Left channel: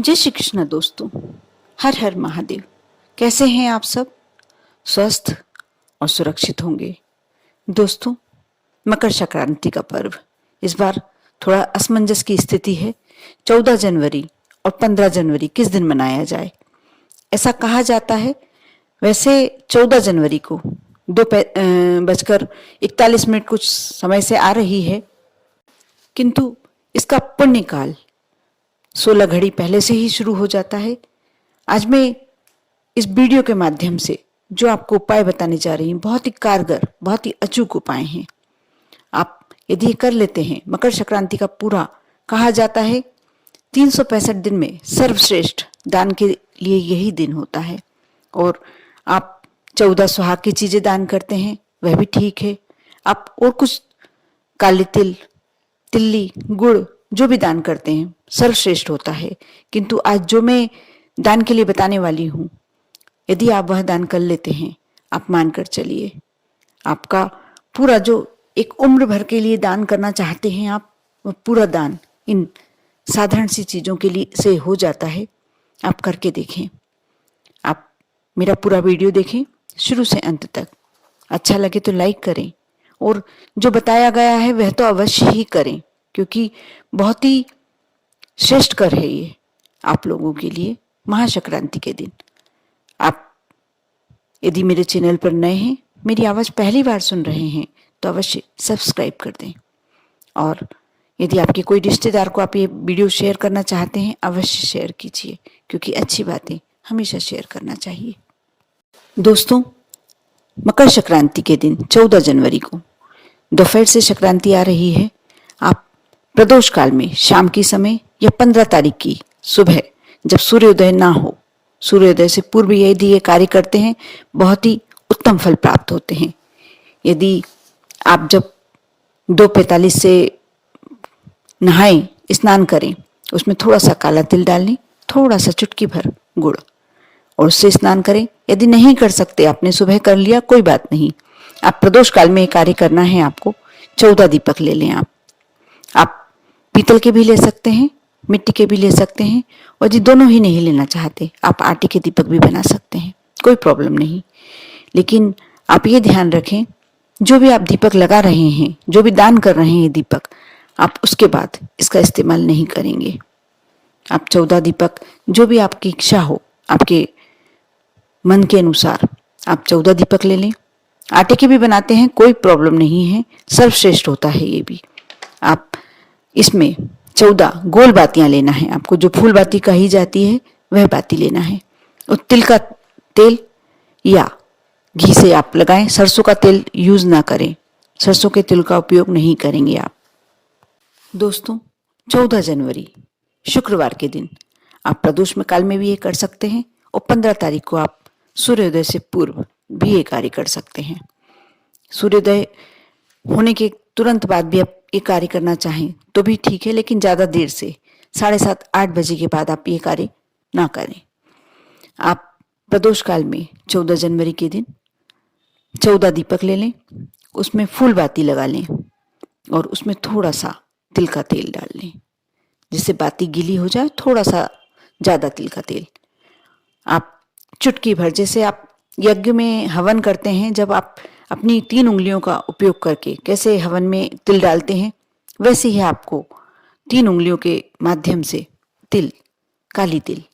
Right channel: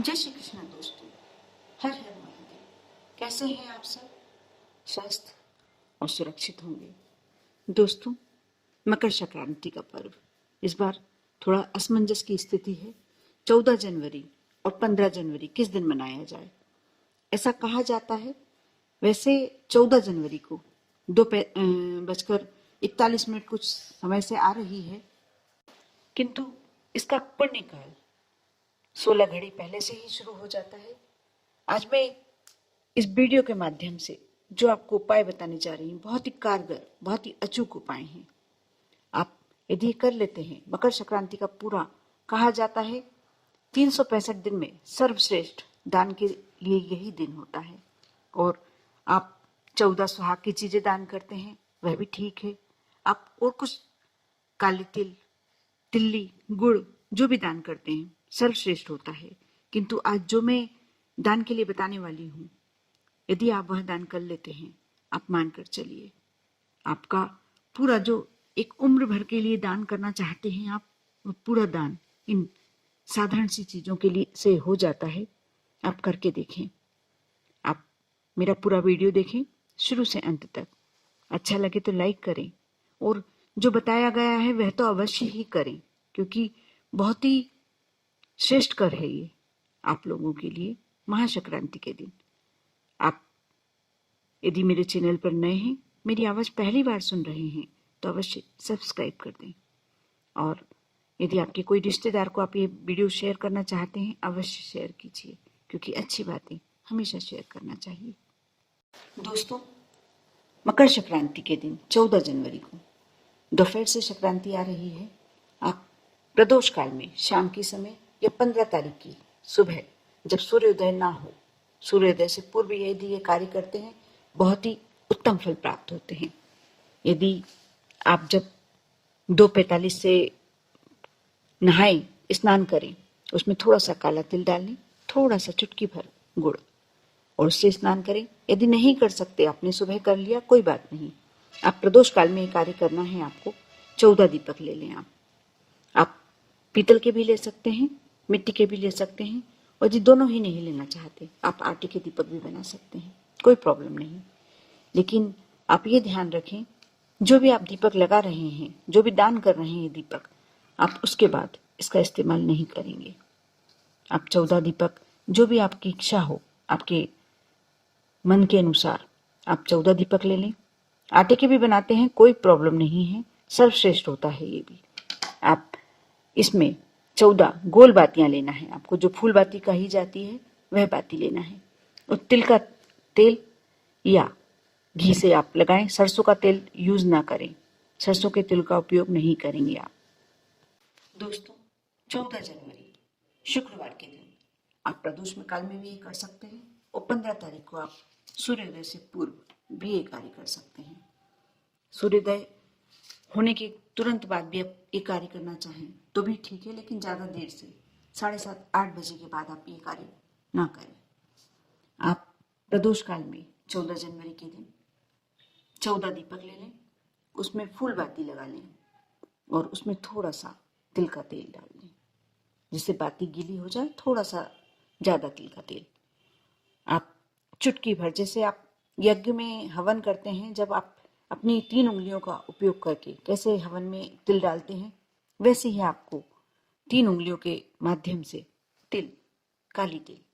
जय श्री कृष्ण दोस्तों। हर हर महादेव। कैसे हैं आप सब? स्वस्थ और सुरक्षित होंगे। दोस्तों, मकर संक्रांति का पर्व इस बार थोड़ा असमंजस की स्थिति है। 14 जनवरी और 15 जनवरी किस दिन मनाया जाए, ऐसा कहा जाता है। वैसे 14 जनवरी को 2:41 कुछ समय से आ रही है, किंतु इसका पुण्य काल 16 घड़ी पहले से ही शुरू हो जाता है। आज मैं इस वीडियो के माध्यम से जो आपको उपाय बताने जा रही हूँ, बहुत ही कारगर, बहुत ही अचूक उपाय हैं। आप यदि ये कर लेते हैं, मकर संक्रांति का पूरा कहा जाता है 365 दिन में सर्वश्रेष्ठ दान के लिए यही दिन होता है। और आप 14 सुहाग की चीजें दान करते हैं, वह भी ठीक है। आप और कुछ काले तिल, तिल्ली, गुड़ जो भी दान करते हैं सर्वश्रेष्ठ होता है। किंतु आज जो मैं दान के लिए बताने वाली हूं, यदि आप वह दान कर लेते हैं, आप मानकर चलिए, आपका पूरा जो एक उम्र भर के लिए दान करना चाहते हैं आप, वह पूरा दान इन साधारण सी चीजों के लिए से हो जाता है। आप करके देखें। आप मेरा पूरा वीडियो देखें शुरू से अंत तक। अच्छा लगे तो लाइक करें, और जो बताया गया है वह तो अवश्य ही करें, क्योंकि बहुत ही श्रेष्ठ कर है ये आप लोगों के लिए महासंक्रांति के दिन। आप यदि मेरे चैनल पर नए हैं, मेरी आवाज़ पहली बार सुन रहे हैं, तो अवश्य सब्सक्राइब कर दें। और यदि आपके कोई रिश्तेदार को आप ये वीडियो शेयर करना चाहते हैं, अवश्य शेयर कीजिए, क्योंकि अच्छी बातें हमेशा शेयर करना चाहिए। दोस्तों, मकर संक्रांति के दिन 14 जनवरी को दोपहर से संक्रांति आ रही है। आप प्रदोष काल में शाम की समय या 15 तारीख की सुबह, जब सूर्योदय ना हो, सूर्योदय से पूर्व यदि ये कार्य करते हैं, बहुत ही उत्तम फल प्राप्त होते हैं। यदि आप जब 2:45 से नहाएं, स्नान करें, उसमें थोड़ा सा काला तिल डाल लें, थोड़ा सा चुटकी भर गुड़, और उससे स्नान करें। यदि नहीं कर सकते, आपने सुबह कर लिया, कोई बात नहीं। आप प्रदोष काल में ये कार्य करना है आपको। 14 दीपक ले लें आप पीतल के भी ले सकते हैं, मिट्टी के भी ले सकते हैं, और यदि दोनों ही नहीं लेना चाहते, आप आटे के दीपक भी बना सकते हैं, कोई प्रॉब्लम नहीं। लेकिन आप ये ध्यान रखें, जो भी आप दीपक लगा रहे हैं, जो भी दान कर रहे हैं दीपक, आप उसके बाद इसका इस्तेमाल नहीं करेंगे। आप 14 दीपक, जो भी आपकी इच्छा हो, आपके मन के अनुसार आप 14 दीपक ले लें। आटे के भी बनाते हैं, कोई प्रॉब्लम नहीं है, सर्वश्रेष्ठ होता है ये भी। आप इसमें 14 गोल बातियां लेना है आपको, जो फूल बाती कही जाती है वह बाती लेना है। और तिल का तेल या घी से आप लगाएं। सरसों का तेल यूज ना करें, सरसों के तेल का उपयोग नहीं करेंगे आप। दोस्तों, 14 जनवरी शुक्रवार के दिन आप प्रदोष में काल में भी ये कर सकते हैं, और 15 तारीख को आप सूर्योदय से पूर्व भी ये कार्य कर सकते हैं। सूर्योदय होने के तुरंत बाद भी आप ये कार्य करना चाहें तो भी ठीक है, लेकिन ज़्यादा देर से 7:30 8 बजे के बाद आप ये कार्य ना करें। आप प्रदोष काल में 14 जनवरी के दिन 14 दीपक ले लें, उसमें फूल बाती लगा लें, और उसमें थोड़ा सा तिल का तेल डाल लें, जिससे बाती गीली हो जाए। थोड़ा सा ज़्यादा तिल का तेल आप चुटकी भर, जैसे आप यज्ञ में हवन करते हैं, जब आप अपनी 3 उंगलियों का उपयोग करके कैसे हवन में तिल डालते हैं, वैसे ही आपको 3 उंगलियों के माध्यम से तिल, काली तिल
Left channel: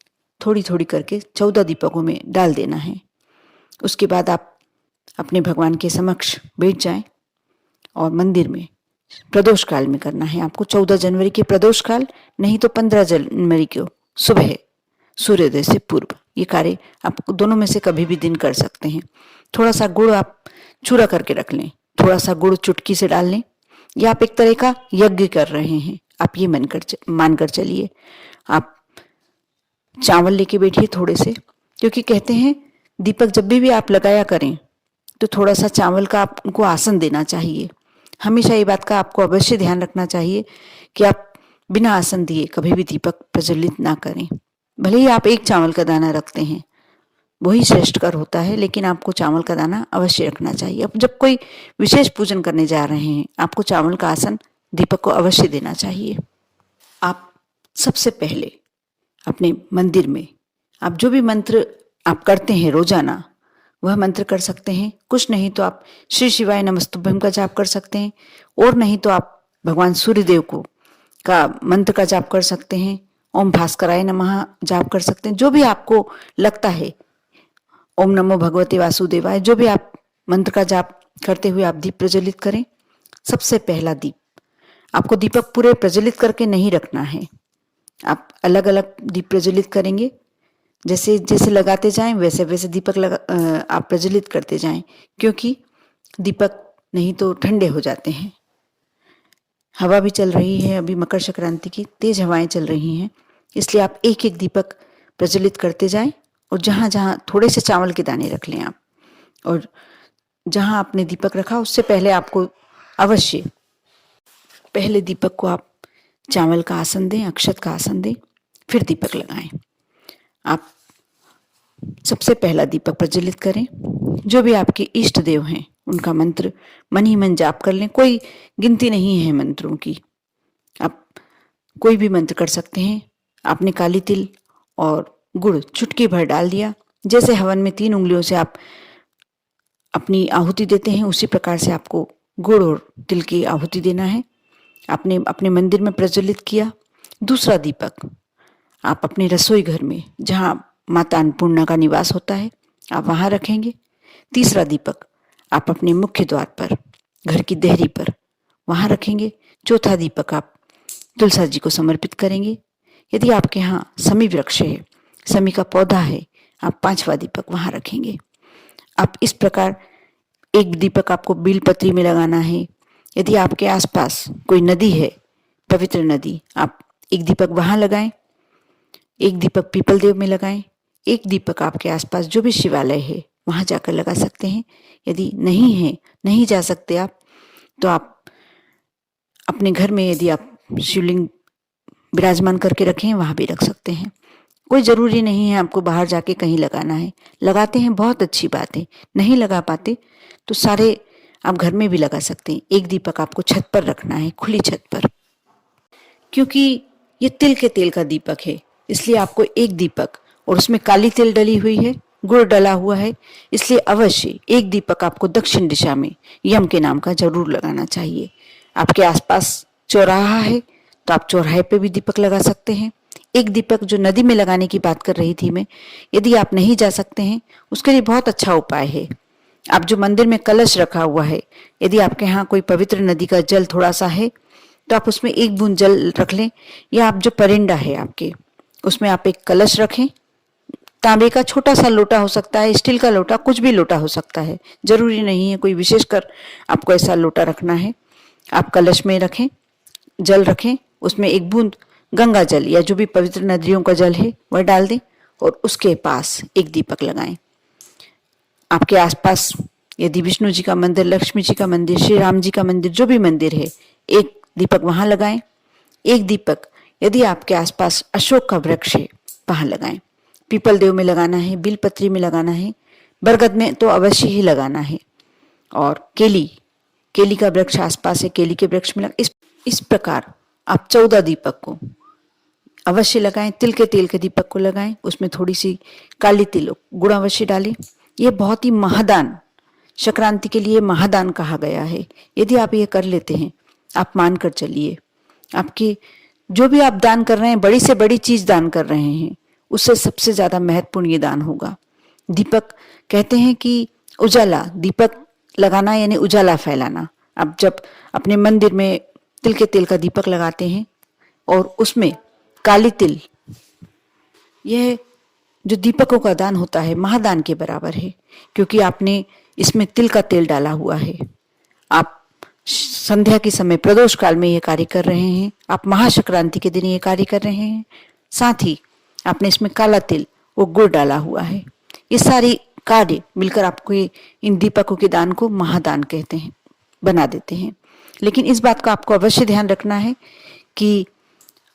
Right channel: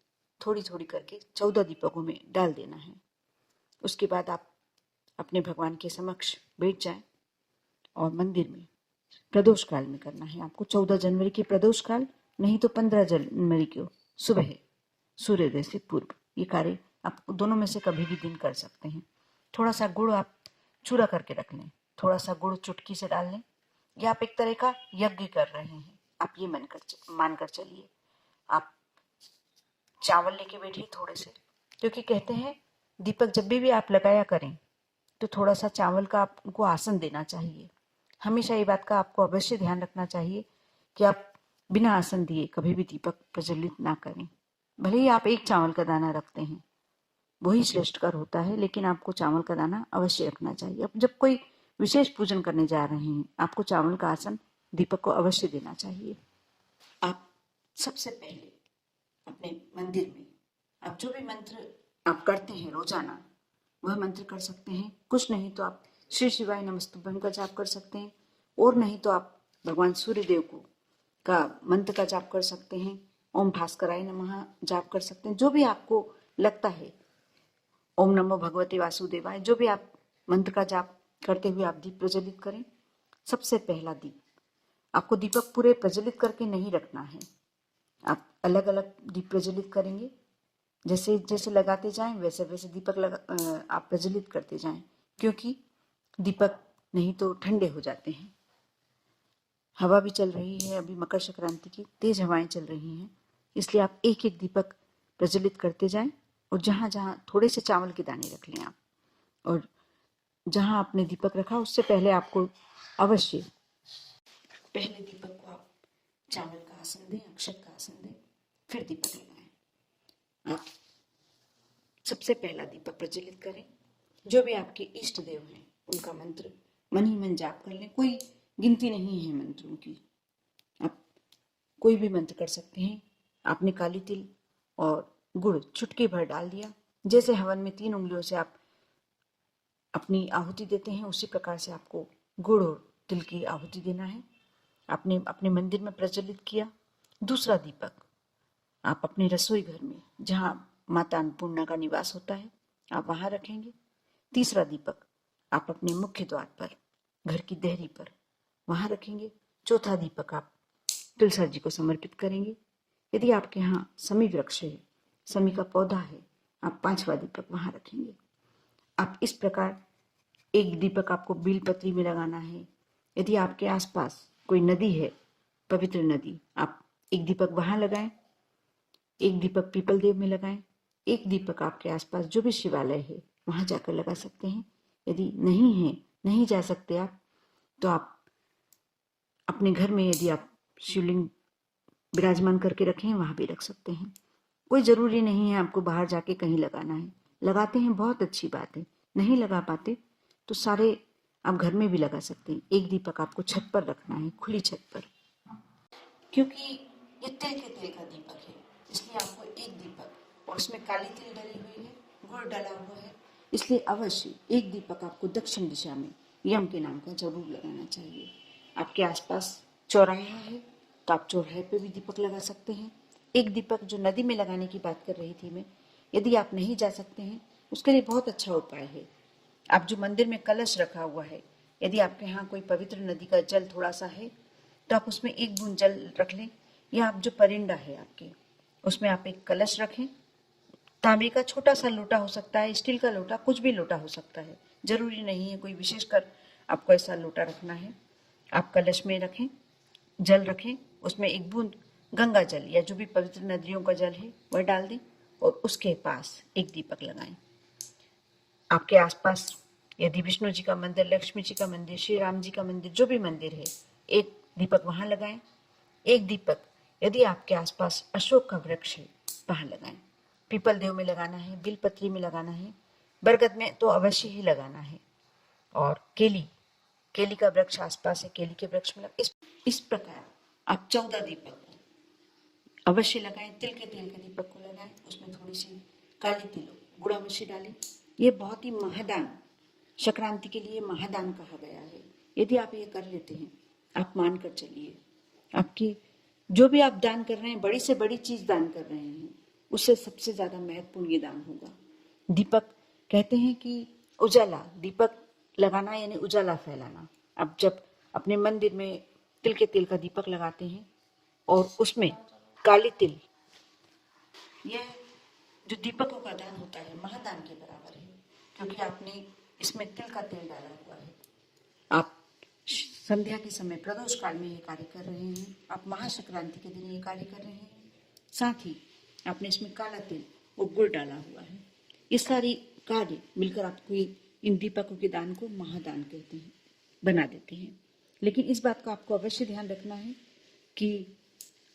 थोड़ी थोड़ी करके 14 दीपकों में डाल देना है। उसके बाद आप अपने भगवान के समक्ष बैठ जाएं, और मंदिर में प्रदोष काल में करना है आपको। 14 जनवरी के प्रदोष काल, नहीं तो 15 जनवरी को सुबह सूर्योदय से पूर्व ये कार्य आप दोनों में से कभी भी दिन कर सकते हैं। थोड़ा सा गुड़ आप चूरा करके रख लें, थोड़ा सा गुड़ चुटकी से डाल लें, या आप एक तरह का यज्ञ कर रहे हैं, आप ये मानकर चलिए। आप चावल लेके बैठिए थोड़े से, क्योंकि कहते हैं दीपक जब भी आप लगाया करें तो थोड़ा सा चावल का आपको आसन देना चाहिए। हमेशा ये बात का आपको अवश्य ध्यान रखना चाहिए कि आप बिना आसन दिए कभी भी दीपक प्रज्वलित ना करें। भले ही आप एक चावल का दाना रखते हैं, वही श्रेष्ठकर होता है, लेकिन आपको चावल का दाना अवश्य रखना चाहिए। अब जब कोई विशेष पूजन करने जा रहे हैं, आपको चावल का आसन दीपक को अवश्य देना चाहिए। आप सबसे पहले अपने मंदिर में आप जो भी मंत्र आप करते हैं रोजाना वह मंत्र कर सकते हैं। कुछ नहीं तो आप श्री शिवाय नमस्तुभ्यम का जाप कर सकते हैं, और नहीं तो आप भगवान सूर्यदेव को का मंत्र का जाप कर सकते हैं। ओम भास्कराय नमः जाप कर सकते हैं। जो भी आपको लगता है, ओम नमो भगवते वासुदेवाय, जो भी आप मंत्र का जाप करते हुए आप दीप प्रज्वलित करें। सबसे पहला दीप, आपको दीपक पूरे प्रज्वलित करके नहीं रखना है, आप अलग अलग दीप प्रज्वलित करेंगे। जैसे जैसे लगाते जाएं वैसे वैसे दीपक आप प्रज्वलित करते जाएं, क्योंकि दीपक नहीं तो ठंडे हो जाते हैं। हवा भी चल रही है, अभी मकर संक्रांति की तेज हवाएं चल रही हैं, इसलिए आप एक एक दीपक प्रज्वलित करते जाएं। और जहां जहां थोड़े से चावल के दाने रख लें आप, और जहां आपने दीपक रखा उससे पहले आपको अवश्य पहले दीपक को आप चावल का आसन दें, अक्षत का आसन दें, फिर दीपक लगाएं। आप सबसे पहला दीपक प्रज्वलित करें। जो भी आपके इष्ट देव हैं उनका मंत्र मन ही मन जाप कर लें। कोई गिनती नहीं है मंत्रों की, आप कोई भी मंत्र कर सकते हैं। आपने काली तिल और गुड़ चुटकी भर डाल दिया। जैसे हवन में 3 उंगलियों से आप अपनी आहुति देते हैं, उसी प्रकार से आपको गुड़ और तिल की आहुति देना है। आपने अपने मंदिर में प्रज्वलित किया। दूसरा दीपक आप अपने रसोई घर में, जहाँ माता अन्नपूर्णा का निवास होता है, आप वहाँ रखेंगे। तीसरा दीपक आप अपने मुख्य द्वार पर, घर की देहरी पर, वहाँ रखेंगे। चौथा दीपक आप तुलसा जी को समर्पित करेंगे। यदि आपके यहाँ समी वृक्ष है, समी का पौधा है, आप 5वां दीपक वहाँ रखेंगे। आप इस प्रकार एक दीपक आपको बेलपत्री में लगाना है। यदि आपके आसपास कोई नदी है, पवित्र नदी, आप एक दीपक वहाँ लगाएं, एक दीपक पीपल देव में लगाएं, एक दीपक आपके आसपास जो भी शिवालय है वहाँ जाकर लगा सकते हैं। यदि नहीं है, नहीं जा सकते आप, तो आप अपने घर में यदि आप शिवलिंग विराजमान करके रखें वहाँ भी रख सकते हैं। कोई ज़रूरी नहीं है आपको बाहर जाके कहीं लगाना है। लगाते हैं बहुत अच्छी बात है, नहीं लगा पाते तो सारे आप घर में भी लगा सकते हैं। एक दीपक आपको छत पर रखना है, खुली छत पर, क्योंकि ये तिल के तेल का दीपक है, इसलिए आपको एक दीपक, और उसमें काली तिल डली हुई है, गुड़ डला हुआ है, इसलिए अवश्य एक दीपक आपको दक्षिण दिशा में यम के नाम का जरूर लगाना चाहिए। आपके आसपास चौराहा है तो आप चौराहे पे भी दीपक लगा सकते हैं। एक दीपक जो नदी में लगाने की बात कर रही थी मैं, यदि आप नहीं जा सकते हैं, उसके लिए बहुत अच्छा उपाय है। आप जो मंदिर में कलश रखा हुआ है, यदि आपके यहाँ कोई पवित्र नदी का जल थोड़ा सा है तो आप उसमें 1 बूंद जल रख लें, या आप जो परिंदा है आपके उसमें आप एक कलश रखें। तांबे का छोटा सा लोटा हो सकता है, स्टील का लोटा, कुछ भी लोटा हो सकता है, जरूरी नहीं है कोई विशेषकर आपको ऐसा लोटा रखना है। आप कलश में रखें, जल रखें, उसमें 1 बूंद गंगा जल या जो भी पवित्र नदियों का जल है वह डाल दें, और उसके पास एक दीपक लगाएं। आपके आसपास यदि विष्णु जी का मंदिर, लक्ष्मी जी का मंदिर, श्री राम जी का मंदिर, जो भी मंदिर है, एक दीपक वहां लगाएं। एक दीपक यदि आपके आसपास अशोक का वृक्ष है वहां लगाएं। पीपल देव में लगाना है, बिलपत्री में लगाना है, बरगद में तो अवश्य ही लगाना है, और केली का वृक्ष आसपास है, केली के वृक्ष में इस प्रकार आप 14 दीपक को अवश्य लगाएं। तिल के तेल के दीपक को लगाएं, उसमें थोड़ी सी काली तिल गुड़ अवश्य डालें। यह बहुत ही महादान, संक्रांति के लिए महादान कहा गया है। यदि आप ये कर लेते हैं, आप मान कर चलिए, आपके जो भी आप दान कर रहे हैं, बड़ी से बड़ी चीज दान कर रहे हैं, उससे सबसे ज्यादा महत्वपूर्ण ये दान होगा। दीपक कहते हैं कि उजाला, दीपक लगाना यानी उजाला फैलाना। आप जब अपने मंदिर में तिल के तेल का दीपक लगाते हैं और उसमें काली तिल, यह जो दीपकों का दान होता है महादान के बराबर है, क्योंकि आपने इसमें तिल का तेल डाला हुआ है। आप संध्या के समय प्रदोष काल में ये कार्य कर रहे हैं, आप महासंक्रांति के दिन ये कार्य कर रहे हैं, साथ ही आपने इसमें काला तिल वो गुड़ डाला हुआ है। ये सारी कार्य मिलकर आपको इन दीपकों के दान को महादान कहते हैं, बना देते हैं। लेकिन इस बात का आपको अवश्य ध्यान रखना है कि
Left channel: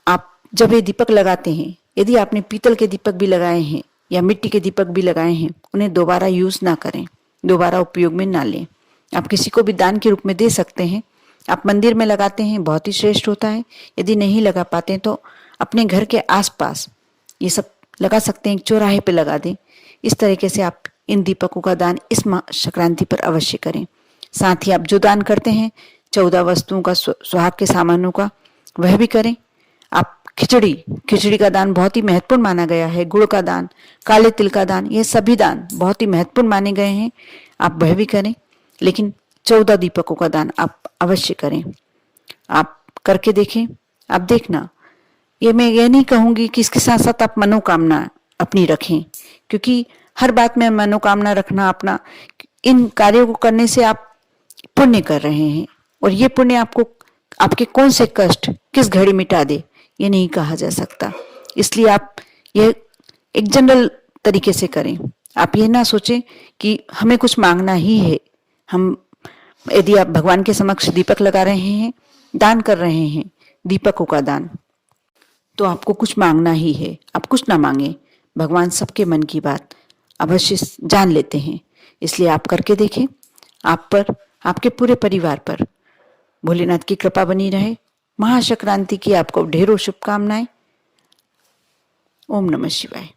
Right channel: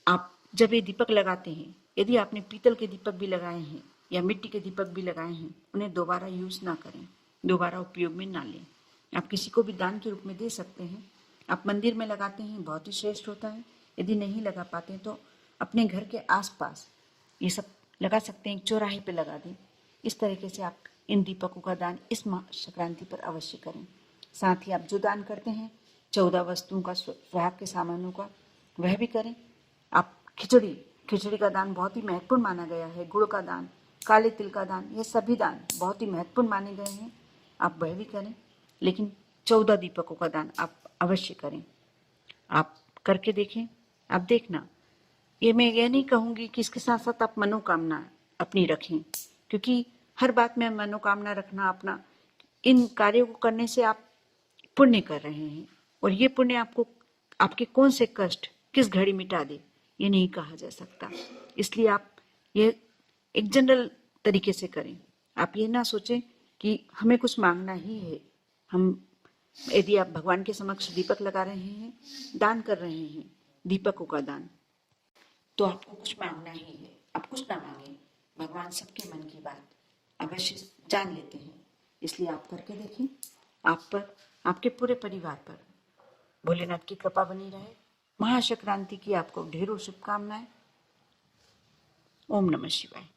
आप जब ये दीपक लगाते हैं, यदि आपने पीतल के दीपक भी लगाए हैं या मिट्टी के दीपक भी लगाए हैं, उन्हें दोबारा यूज ना करें, दोबारा उपयोग में ना लें। आप किसी को भी दान के रूप में दे सकते हैं। आप मंदिर में लगाते हैं, बहुत ही श्रेष्ठ होता है। यदि नहीं लगा पाते तो अपने घर के आसपास ये सब लगा सकते हैं, चौराहे पे लगा दें। इस तरीके से आप इन दीपकों का दान इस संक्रांति पर अवश्य करें। साथ ही आप जो दान करते हैं 14 वस्तुओं का, सुहाग के सामानों का, वह भी करें। आप खिचड़ी का दान बहुत ही महत्वपूर्ण माना गया है, गुड़ का दान, काले तिल का दान, ये सभी दान बहुत ही महत्वपूर्ण माने गए हैं, आप वह भी करें। लेकिन 14 दीपकों का दान आप अवश्य करें। आप करके देखें, आप देखना। ये मैं ये नहीं कहूँगी कि इसके साथ साथ आप मनोकामना अपनी रखें, क्योंकि हर बात में मनोकामना रखना अपना, इन कार्यों को करने से आप पुण्य कर रहे हैं, और ये पुण्य आपको आपके कौन से कष्ट किस घड़ी मिटा दे ये नहीं कहा जा सकता। इसलिए आप ये एक जनरल तरीके से करें। आप ये ना सोचें कि हमें कुछ मांगना ही है। हम यदि आप भगवान के समक्ष दीपक लगा रहे हैं, दान कर रहे हैं दीपकों का दान, तो आपको कुछ मांगना ही है। आप कुछ ना मांगे, भगवान सबके मन की बात अवश्य जान लेते हैं। इसलिए आप करके देखें। आप पर, आपके पूरे परिवार पर भोलेनाथ की कृपा बनी रहे। महासंक्रांति की आपको ढेरों शुभकामनाएं। ओम नमः शिवाय।